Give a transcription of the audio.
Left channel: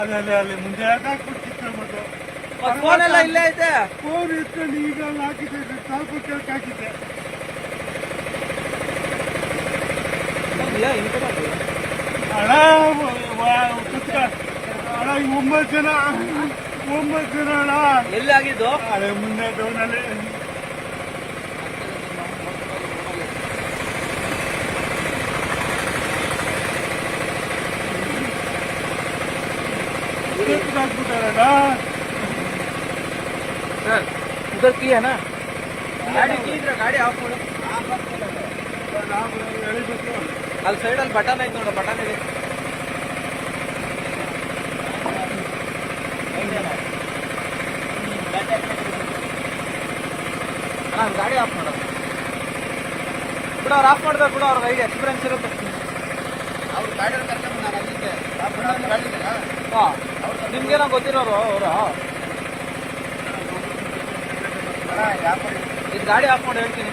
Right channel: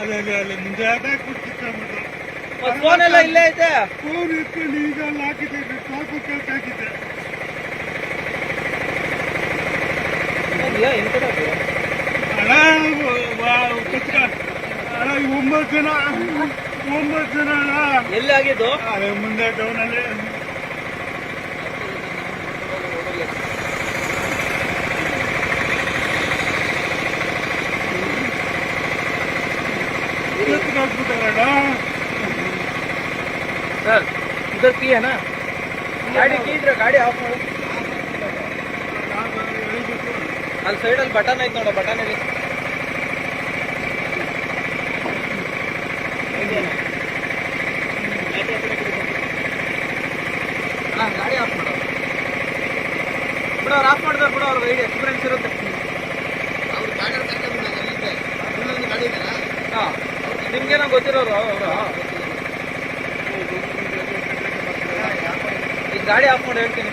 ಅಲ್ಲ ಮುಂದೆ ಅದಾಗಿ ಕೊಡ್ತಿದ್ದೆ ಮತ್ತು ಫೋನ್ ಎಲ್ಲ ಇಲ್ಲೇ ಐತೆ. ಫೋನ್ ಇಟ್ಕೊಂಡು ಈಗ ಹಾಕಿದ್ದೆ, ನಾಲ್ಕು ಕೇಳಕ್ಕೆ ಹಾಕಿದ್ದೆ. ಅಣ್ಣ ಅಣ್ಣ 9 ಜನ ಅಣ್ಣ. ಎಲ್ಲಿ ಆಗಿದ್ದು? ಅದೇ ಮುಂದೆ ಟೌನಲ್ಲಿ. ಹೋಗ್ಬಿಟ್ಟಾರಣ್ಣ. सर इधर की है ना गाड़ी की इधर गाड़ी ऑफ ಮಾಡಿ ಅಲ್ಲಿ ಸೈಡ್ ಅಲ್ಲಿ ಬಟನ್ ಐತೆ ನೋಡಿ ಬಟನ್ ಹೇಳಿ ಗಾಡಿ ಆಫ್ ಮಾಡಿ ಅವ್ರು ಆಫ್ ಮಾಡಿದ್ರೆ ಕೂಡ ಅವ್ರ ಕೈಗೆ ಎಕ್ಸ್ಪೀರಿಯನ್ಸ್ ಇರುತ್ತೆ ಅವ್ರು ಗಾಡಿ ಕರ್ಕೊಂಡು ನಾನು ಅಲ್ಲಿದ್ದೆ ಗಾಡಿ ಇದೆಯಲ್ಲ ಹಾಂ ನಿಮ್ಗೇನೋ ಗೊತ್ತಿರೋರು ಅವರು ಈಗ ಗಾಡಿ ಆಫ್ ಮಾಡಿ ಹೇಳ್ತೀನಿ